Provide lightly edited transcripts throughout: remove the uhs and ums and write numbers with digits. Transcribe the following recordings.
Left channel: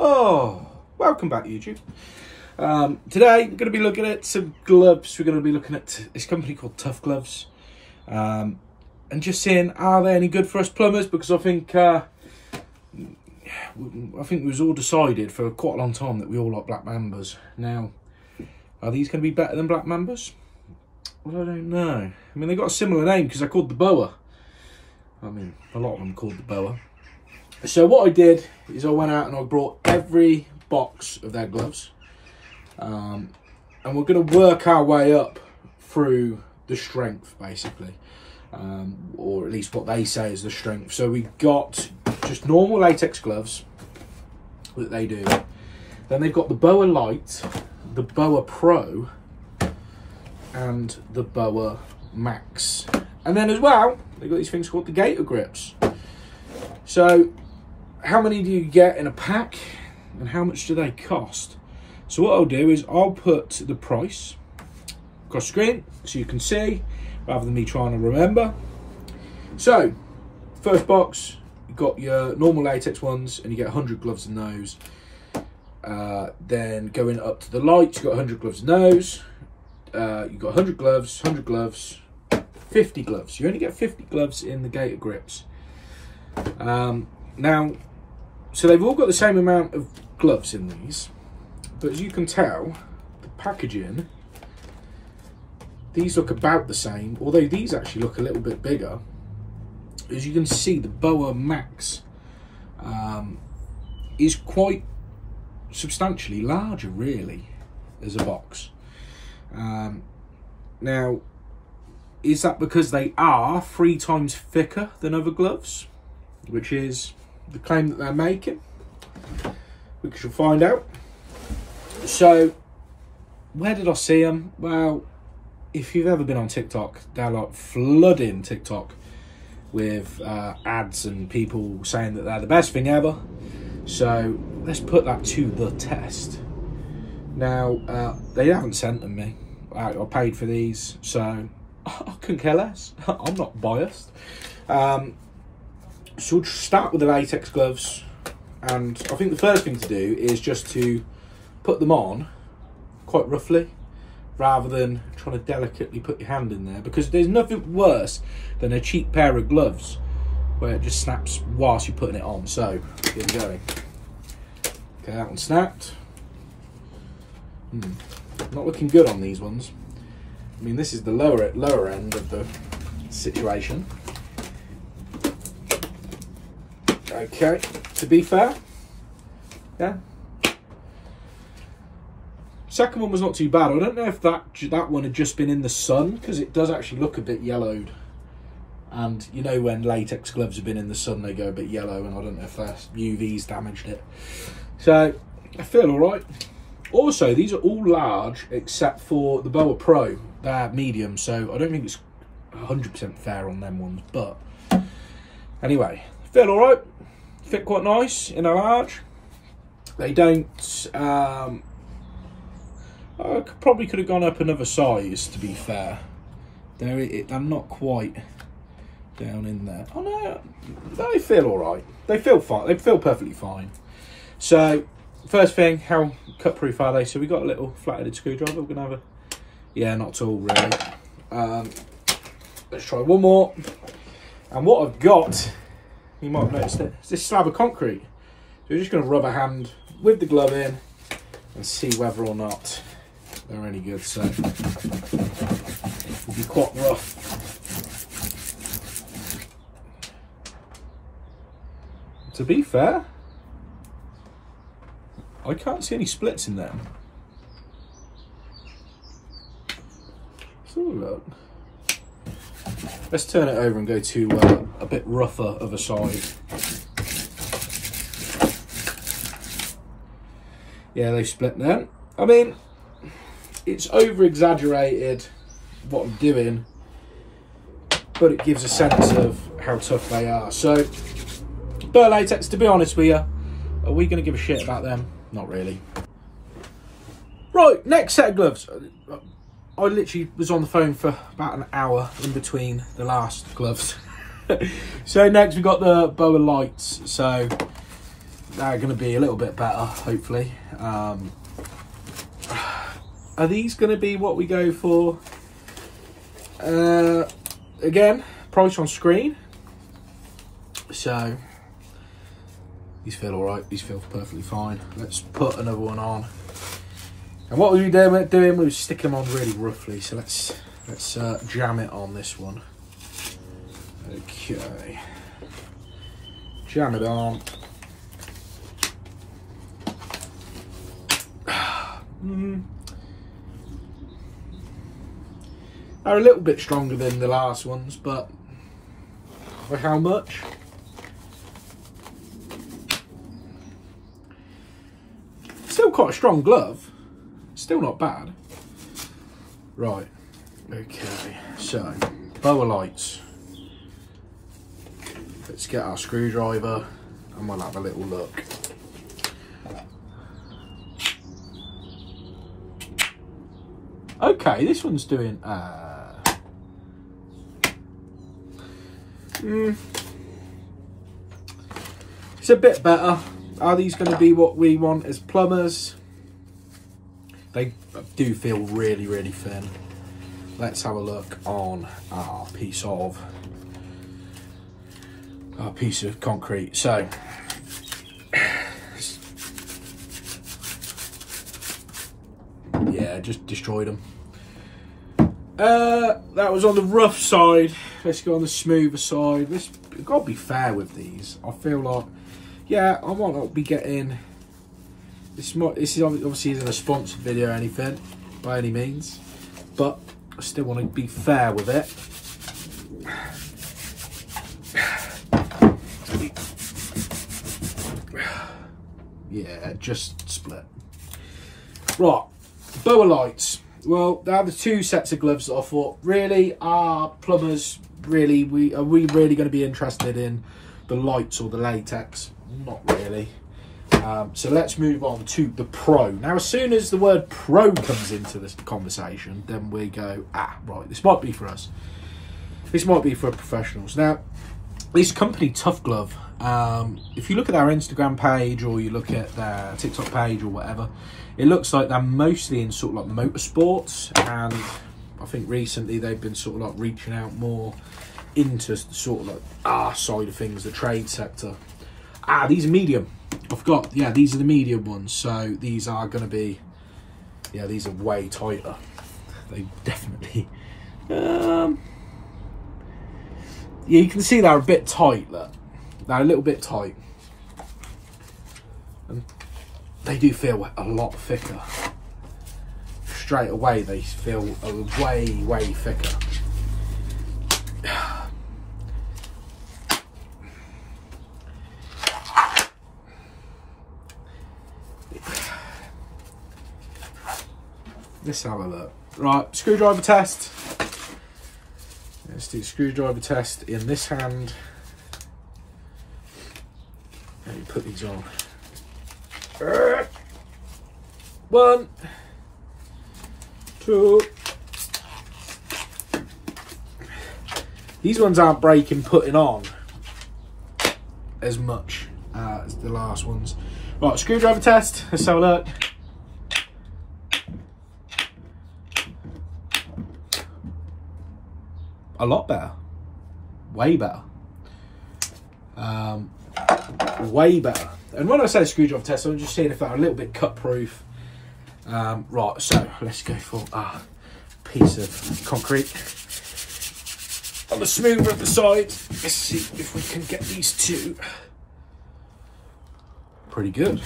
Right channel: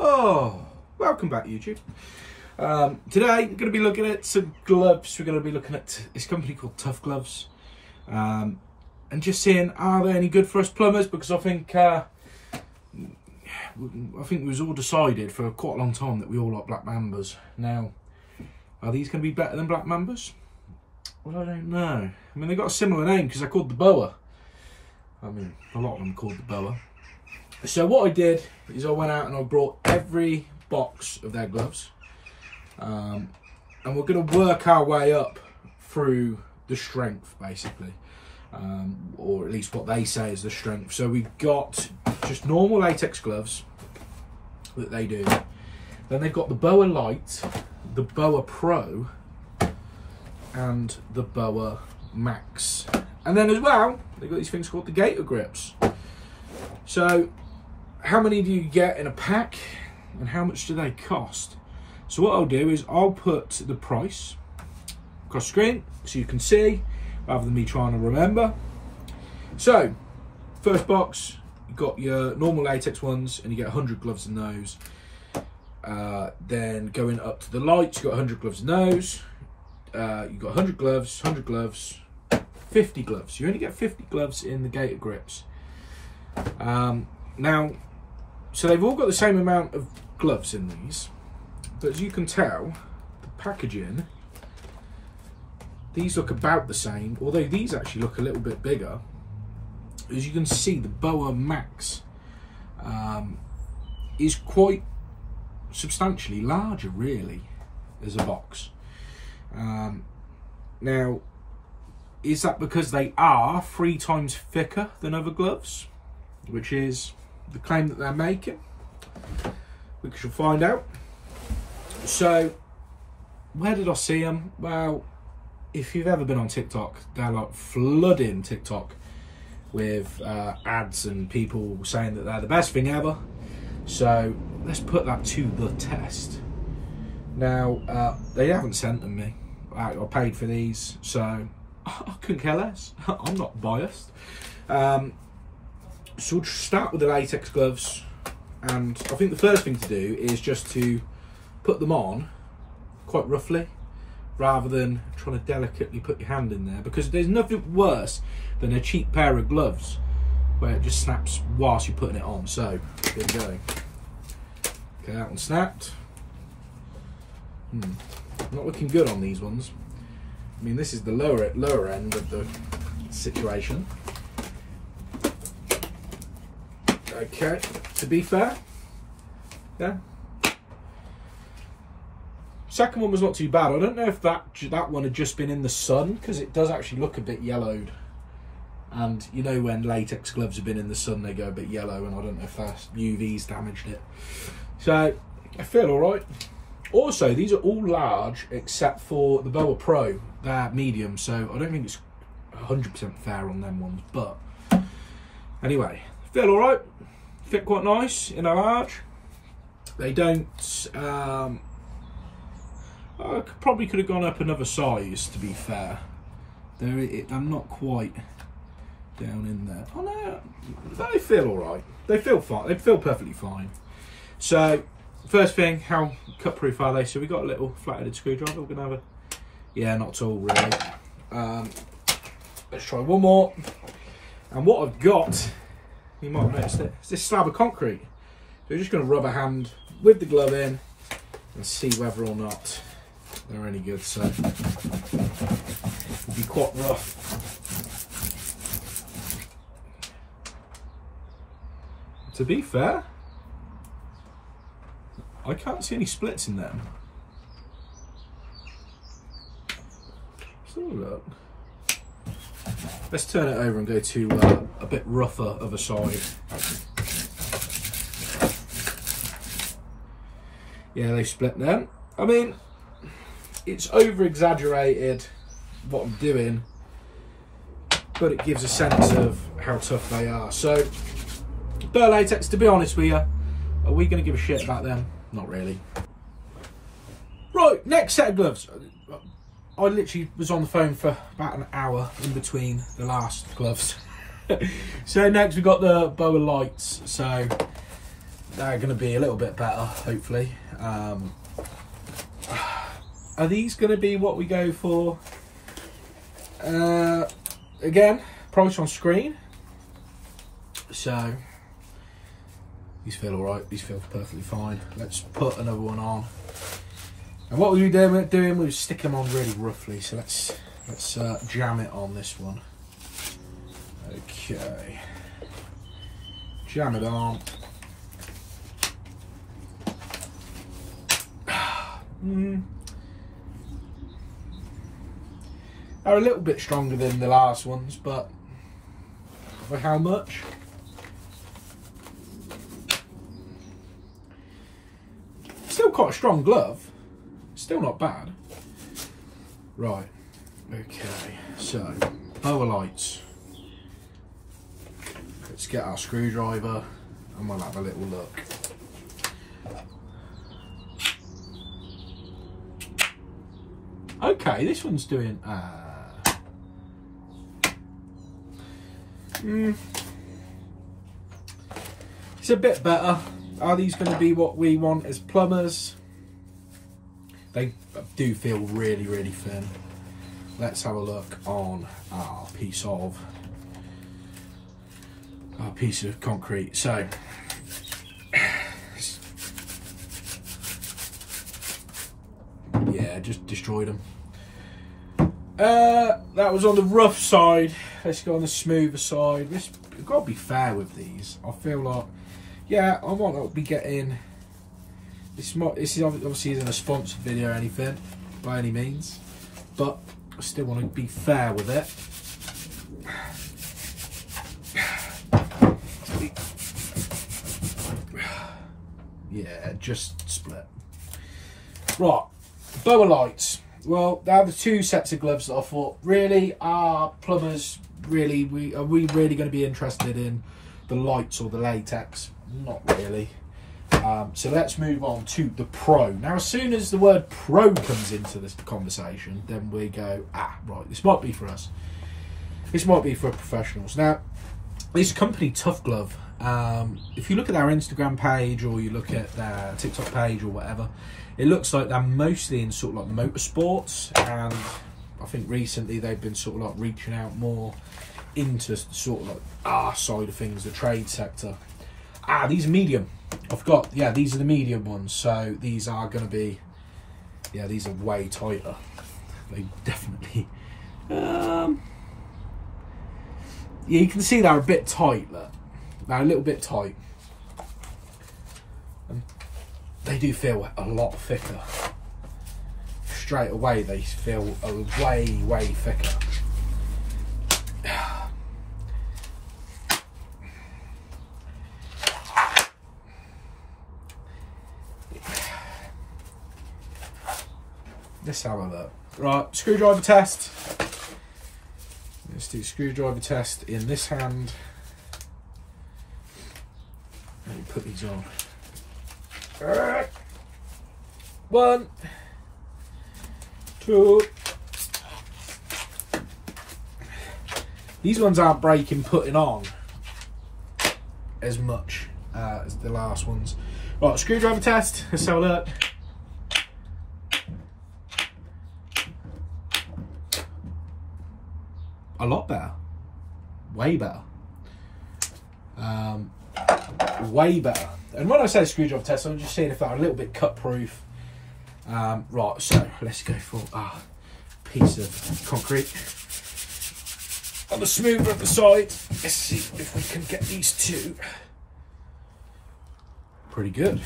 Oh, welcome back YouTube. Today we're going to be looking at some gloves. We're going to be looking at this company called Tough Gloves, and just seeing, are they any good for us plumbers? Because I think it was all decided for quite a long time that we all like black mambas. Now, are these going to be better than black mambas? Well, I don't know. I mean, they got a similar name because they're called the boa. I mean, a lot of them are called the boa. So what I did is I went out and I brought every box of their gloves, and we're going to work our way up through the strength, basically, or at least what they say is the strength. So we got just normal latex gloves that they do. Then they've got the Boa Light, the Boa Pro, and the Boa Max. And then as well, they've got these things called the Gator Grips. So how many do you get in a pack and how much do they cost? So what I'll do is I'll put the price across screen so you can see rather than me trying to remember. So first box, you've got your normal latex ones and you get 100 gloves in those. Then going up to the lights, you've got 100 gloves in those. You've got 100 gloves, 100 gloves, 50 gloves. You only get 50 gloves in the Gator Grips. Now, so they've all got the same amount of gloves in these, but as you can tell, the packaging, these look about the same, although these actually look a little bit bigger. As you can see, the Boa Max is quite substantially larger, really, as a box. Now, is that because they are 3 times thicker than other gloves, which is the claim that they're making? We shall find out. So, where did I see them? Well, if you've ever been on TikTok, they're like flooding TikTok with ads and people saying that they're the best thing ever. So, let's put that to the test. Now, they haven't sent them me. I paid for these, so I couldn't care less. I'm not biased. So we'll start with the latex gloves, and I think the first thing to do is just to put them on quite roughly rather than trying to delicately put your hand in there, because there's nothing worse than a cheap pair of gloves where it just snaps whilst you're putting it on. So there we go. Okay, that one snapped. Not looking good on these ones. I mean, this is the lower end of the situation. Okay, to be fair, yeah. Second one was not too bad. I don't know if that one had just been in the sun, because it does actually look a bit yellowed. And you know when latex gloves have been in the sun, they go a bit yellow, and I don't know if that UV's damaged it. So I feel all right. Also, these are all large except for the Boa Pro. They're medium, so I don't think it's 100% fair on them ones. But anyway, feel all right. Fit quite nice in a large. They don't. I probably could have gone up another size, to be fair. I'm not quite down in there. Oh no, they feel all right. They feel fine. They feel perfectly fine. So first thing, how cut proof are they? So we got a little flat-headed screwdriver. We're gonna have a, yeah, not at all really. Let's try one more. And what I've got, you might have noticed it, is this slab of concrete. So we're just gonna rub a hand with the glove in and see whether or not they're any good. So it'll be quite rough. To be fair, I can't see any splits in them. So look. Let's turn it over and go to a bit rougher other side. Yeah, they split them. I mean, it's over exaggerated what I'm doing, but it gives a sense of how tough they are. So, Boa Latex, to be honest with you, are we going to give a shit about them? Not really. Right, next set of gloves. I literally was on the phone for about an hour in between the last gloves. So next we've got the Boa Lights. So they're going to be a little bit better, hopefully. Are these going to be what we go for? Again, price on screen. So these feel all right. These feel perfectly fine. Let's put another one on. And what we were doing, we were sticking them on really roughly. So let's jam it on this one. Okay, jam it on. They're a little bit stronger than the last ones, but for how much? Still quite a strong glove. Still not bad. Right. Okay. So boa lights. Let's get our screwdriver and we'll have a little look. Okay, this one's doing it's a bit better. Are these going to be what we want as plumbers? They do feel really, really thin. Let's have a look on our piece of concrete. So yeah, just destroyed them. That was on the rough side. Let's go on the smoother side. I've got to be fair with these. I feel like, yeah, I might not be getting this is obviously isn't a sponsored video or anything by any means, but I still want to be fair with it. Yeah, just split. Right, boa lights. Well, they are the two sets of gloves that I thought really are plumbers. Really, are we really going to be interested in the lights or the latex? Not really. So let's move on to the pro. Now, as soon as the word pro comes into this conversation, then we go, right, this might be for us. This might be for professionals. Now, this company, Tough Glove, if you look at our Instagram page or you look at their TikTok page or whatever, it looks like they're mostly in sort of like motorsports, and I think recently they've been sort of like reaching out more into sort of like our side of things, the trade sector. These are medium. I forgot, yeah, these are the medium ones, so these are going to be, yeah, these are way tighter. They definitely, yeah, you can see they're a bit tight, look. They're a little bit tight. And they do feel a lot thicker. Straight away, they feel way, way thicker. Let's have a look. Right, screwdriver test. Let's do screwdriver test in this hand. Let me put these on. 1, 2. These ones aren't breaking putting on as much as the last ones. Right, screwdriver test. Let's have a look. A lot better. Way better. Way better. And when I say screwdriver test, I'm just seeing if they're a little bit cut proof. Right, so let's go for a piece of concrete. On the smoother of the side, let's see if we can get these two. Pretty good.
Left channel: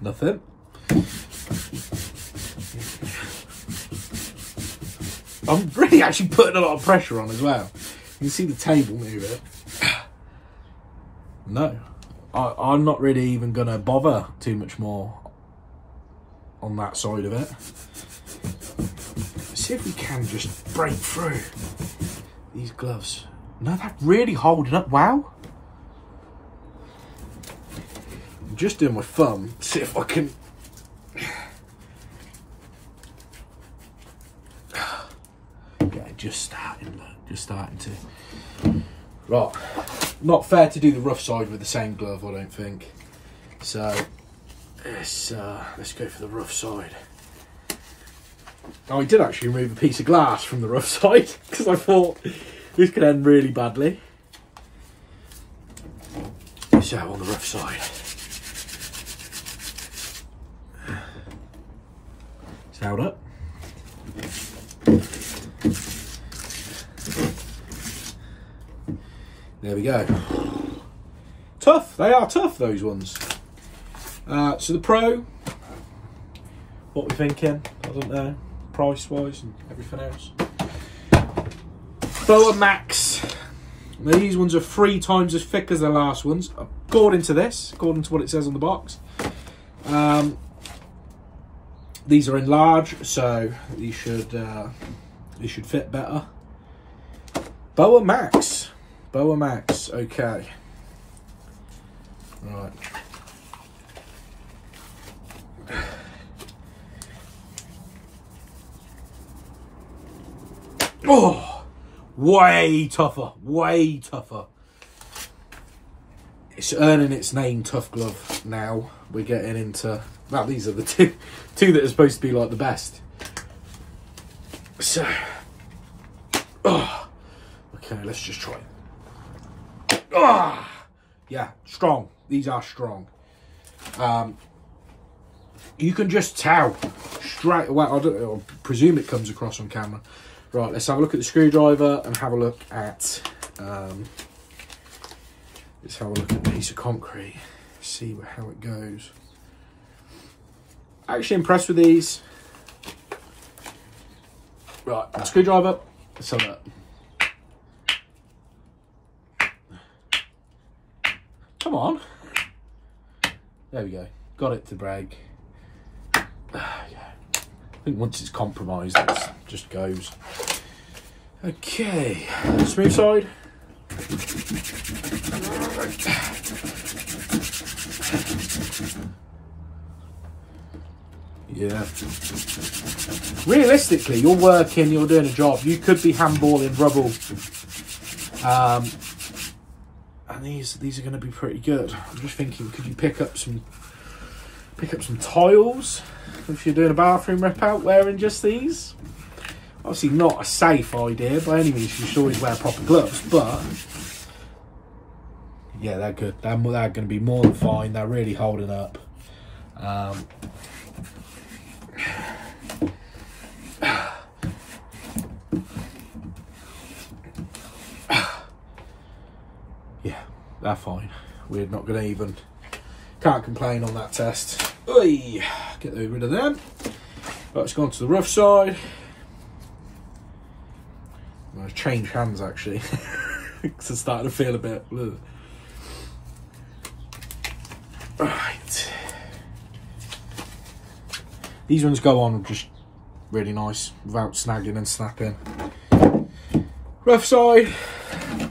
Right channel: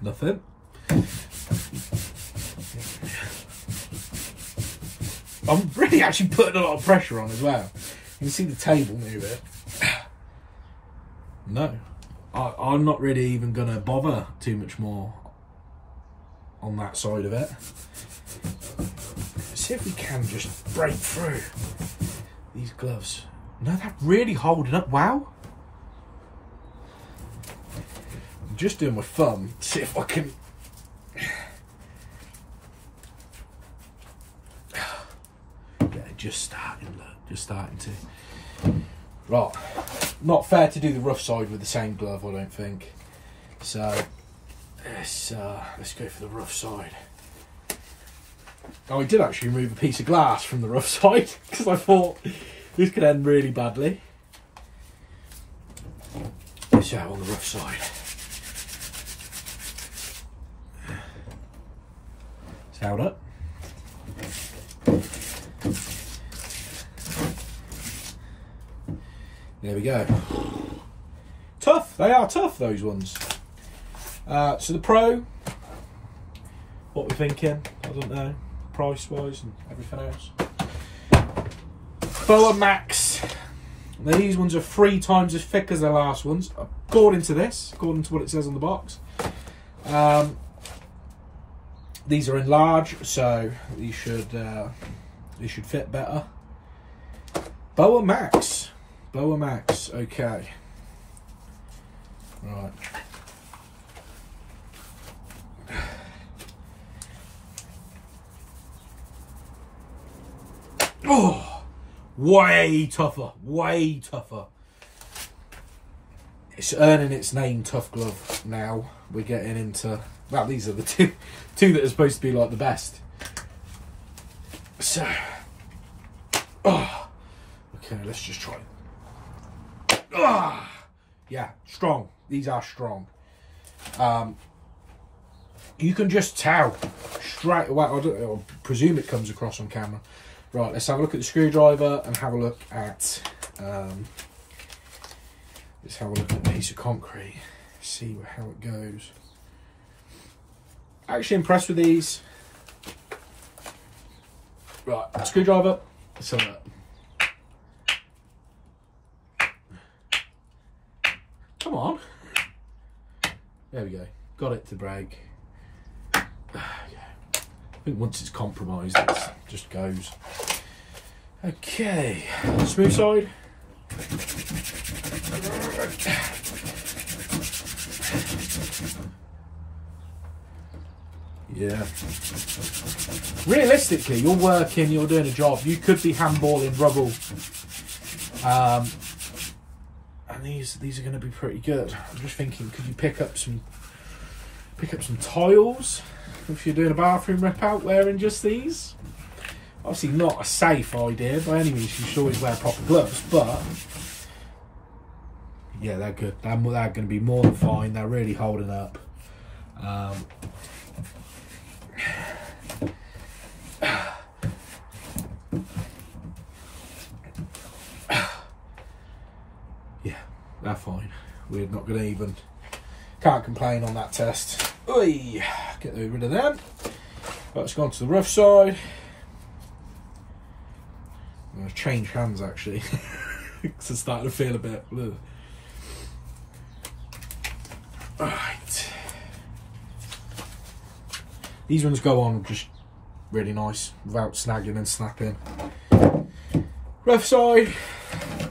Nothing. I'm really actually putting a lot of pressure on as well. You can see the table move it. No, I'm not really even going to bother too much more on that side of it. Let's see if we can just break through these gloves. No, they're really holding up. Wow. I'm just doing my thumb to see if I can. Just starting to. Right, not fair to do the rough side with the same glove, I don't think. So let's go for the rough side. Oh, I did actually remove a piece of glass from the rough side because I thought this could end really badly. So on the rough side, it's held up. There we go. Tough, they are tough, those ones. So the Pro, what we're thinking, I don't know, price wise and everything else. Boa Max. Now, these ones are 3 times as thick as the last ones, according to this, according to what it says on the box. These are in large, so these should fit better. Boa Max. Boa Max, okay. Right. Oh, way tougher, way tougher. It's earning its name, Tough Glove. Now we're getting into, well, these are the two that are supposed to be like the best. So, oh, okay, let's just try it. Oh, yeah, strong. These are strong. You can just tell straight away. I presume it comes across on camera. Right, let's have a look at the screwdriver and have a look at let's have a look at the piece of concrete, see how it goes. Actually impressed with these. Right, screwdriver, let's have that. Come on. There we go, got it to break. I think once it's compromised, it just goes. Okay, smooth side. Yeah. Realistically, you're working, you're doing a job. You could be handballing rubble, and these are going to be pretty good. I'm just thinking, could you pick up some tiles if you're doing a bathroom rip out wearing just these? Obviously not a safe idea by any means, you should always wear proper gloves, but yeah, they're good. They're going to be more than fine. They're really holding up. Yeah, they're fine. We're not going to even, can't complain on that test. Oy, get rid of them. Let's go on to the rough side. I'm going to change hands actually because I'm starting to feel a bit. Ugh. Right. These ones go on just really nice without snagging and snapping. Rough side. Here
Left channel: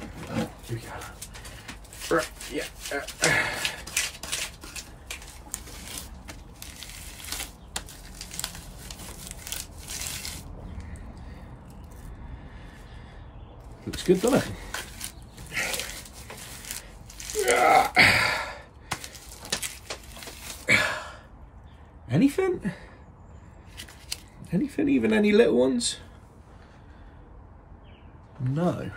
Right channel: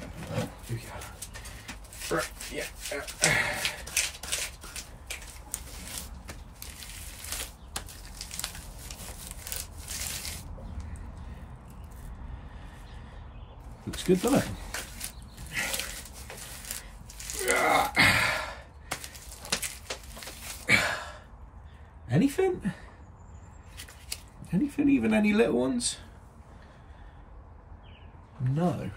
we go. Right, yeah. Looks good, doesn't it? Anything? Anything? Even any little ones? No.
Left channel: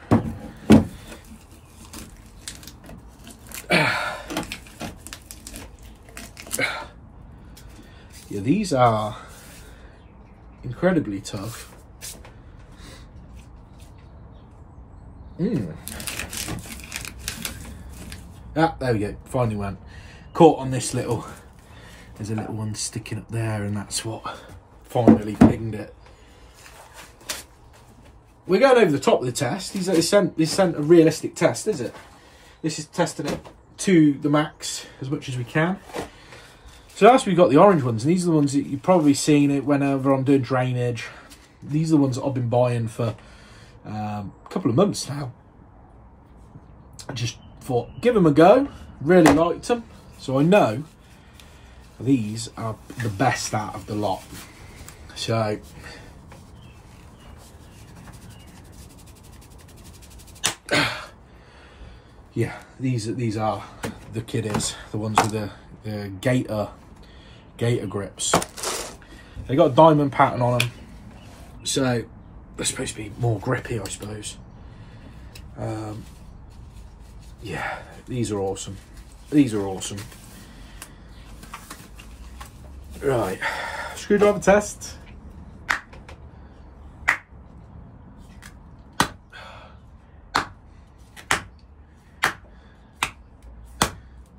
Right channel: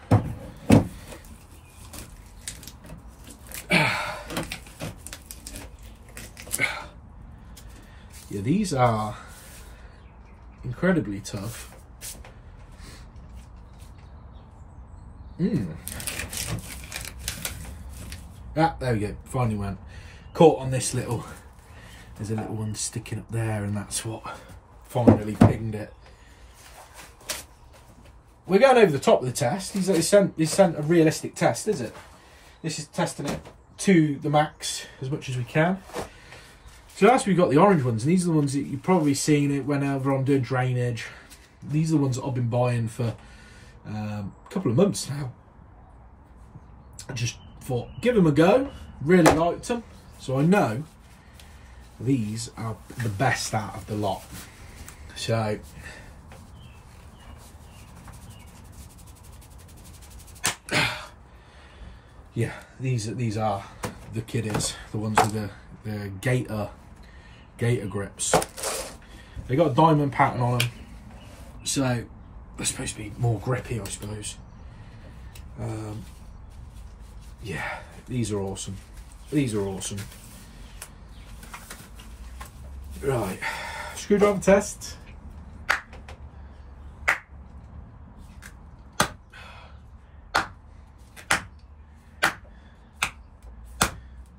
Yeah, these are incredibly tough. Ah, there we go, finally went. Caught on this little, there's a little one sticking up there, and that's what finally pinged it. We're going over the top of the test. This sent a realistic test, is it? This is testing it to the max as much as we can. So that's we've got the orange ones, and these are the ones that you've probably seen it whenever I'm doing drainage. These are the ones that I've been buying for a couple of months now. I just thought, give them a go. Really liked them, so I know these are the best out of the lot. So yeah, these are the kiddies, the ones with the gator grips. They got a diamond pattern on them, so they're supposed to be more grippy, I suppose. Yeah, these are awesome. These are awesome. Right, screwdriver test.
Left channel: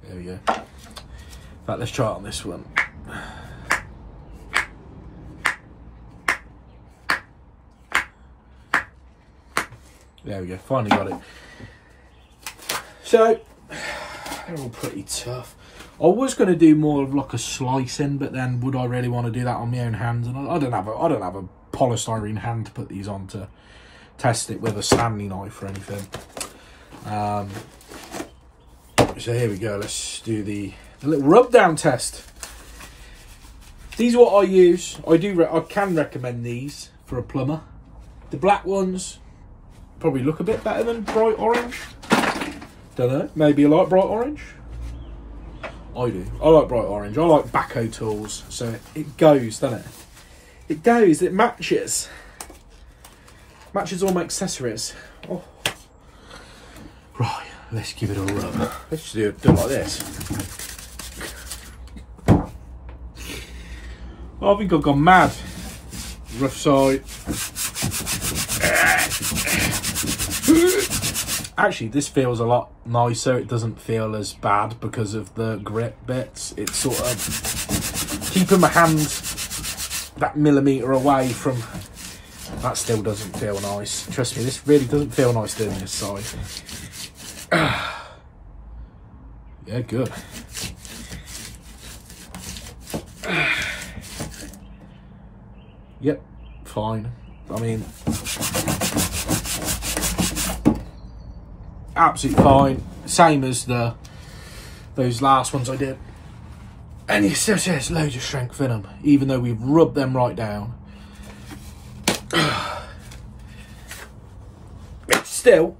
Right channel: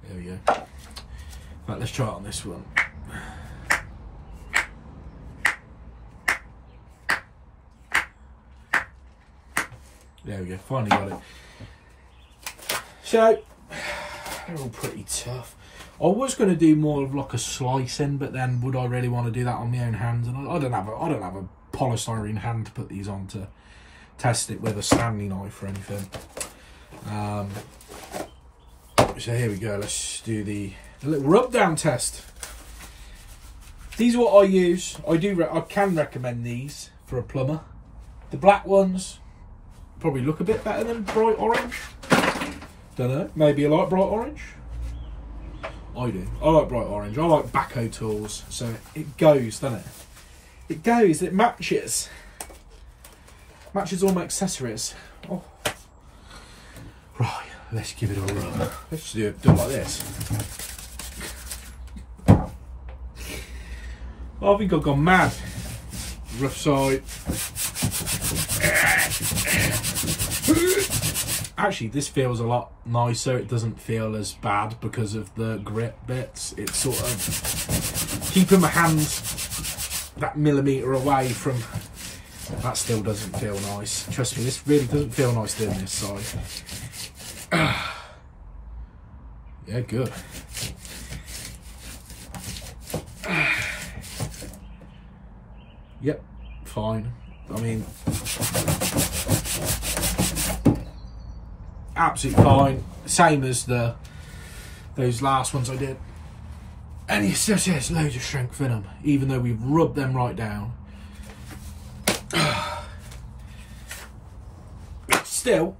There we go. Right, let's try it on this one. There we go, finally got it. So, they're all pretty tough. I was going to do more of like a slicing, but then would I really want to do that on my own hands? And I don't have a polystyrene hand to put these on to test it with a Stanley knife or anything. So here we go. Let's do the little rub down test. These are what I use. I can recommend these for a plumber. The black ones probably look a bit better than bright orange. Don't know. Maybe you like bright orange. I do. I like bright orange. I like backhoe tools. So it goes, doesn't it? It goes. It matches. Matches all my accessories. Oh. Right. Let's give it a rub. Let's just do it like this. Oh, I think I've gone mad. Rough side. Actually, this feels a lot nicer. It doesn't feel as bad because of the grip bits. It's sort of keeping my hand that millimetre away from... That still doesn't feel nice. Trust me, this really doesn't feel nice doing this side. Yeah, good. Yep, fine. I mean, absolutely fine. Same as those last ones I did. And you see, there's loads of strength in them, even though we've rubbed them right down. Still,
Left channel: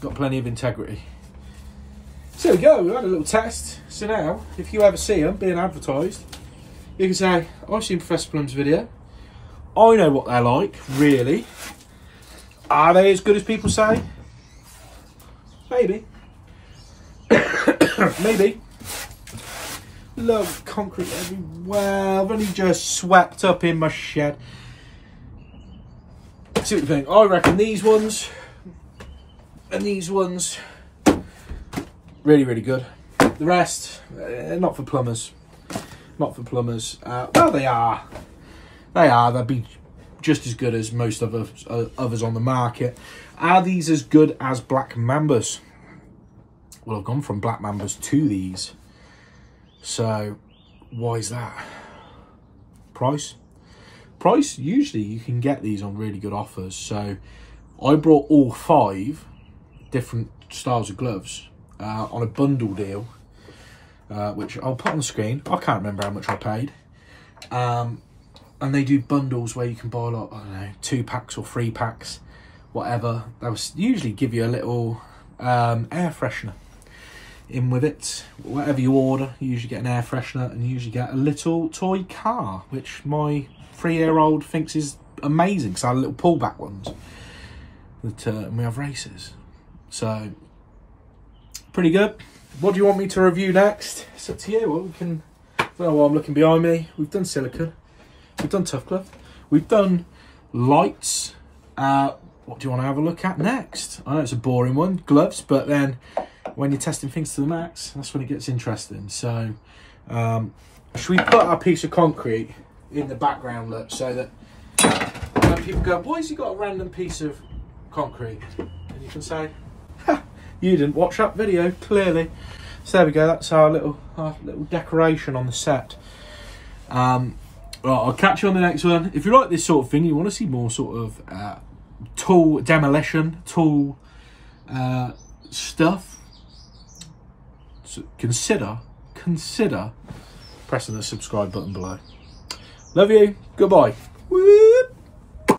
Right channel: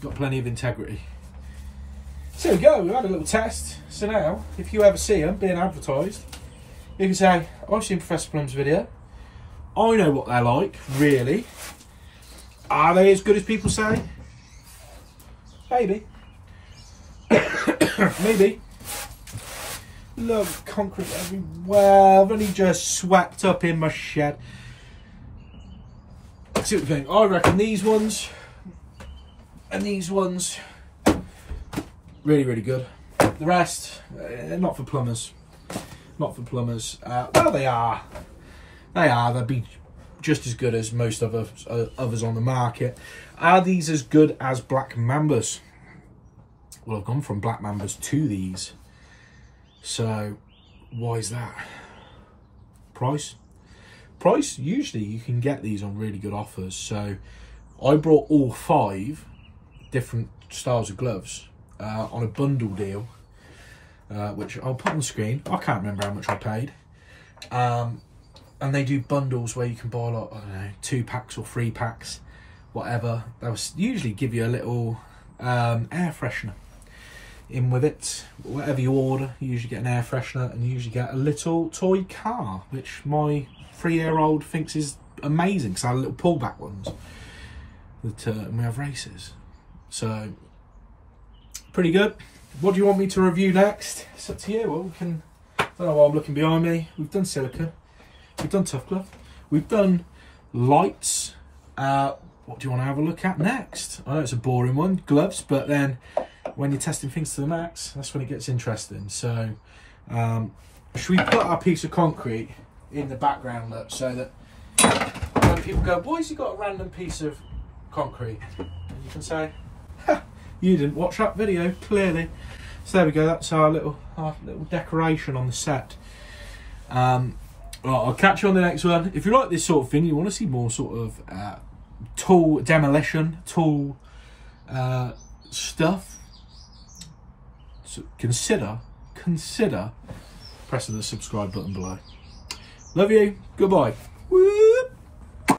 got plenty of integrity. So there we go, we had a little test. So now, if you ever see them being advertised, you can say, I've seen Professor Plumb's video. I know what they're like, really. Are they as good as people say? Maybe. Maybe. Look, concrete everywhere. I've only just swept up in my shed. See what you think. I reckon these ones and these ones, really, really good. The rest, not for plumbers. Not for plumbers. Well, they are. They are. They'll be just as good as most of others on the market. Are these as good as black mambas? Well, I've gone from black mambas to these. So, why is that? Price? Price, usually you can get these on really good offers. So, I brought all 5 different styles of gloves on a bundle deal, which I'll put on the screen. I can't remember how much I paid. And they do bundles where you can buy, like, I don't know, 2 packs or 3 packs, whatever. They'll usually give you a little air freshener in with it. Whatever you order, you usually get an air freshener, and you usually get a little toy car, which my 3-year-old thinks is amazing, because I have little pullback ones that we have races. So, pretty good. What do you want me to review next? It's up to you. Well, we can... I don't know why I'm looking behind me. We've done silicone. We've done tough glove. We've done lights. What do you want to have a look at next? I know it's a boring one, gloves, but then when you're testing things to the max, that's when it gets interesting. So, should we put our piece of concrete in the background, look, so that when people go, why has he got a random piece of concrete? And you can say, ha, you didn't watch that video, clearly. So there we go, that's our little decoration on the set. Well, I'll catch you on the next one. If you like this sort of thing, you want to see more sort of tool demolition, tool stuff, so consider pressing the subscribe button below. Love you, goodbye. Woo!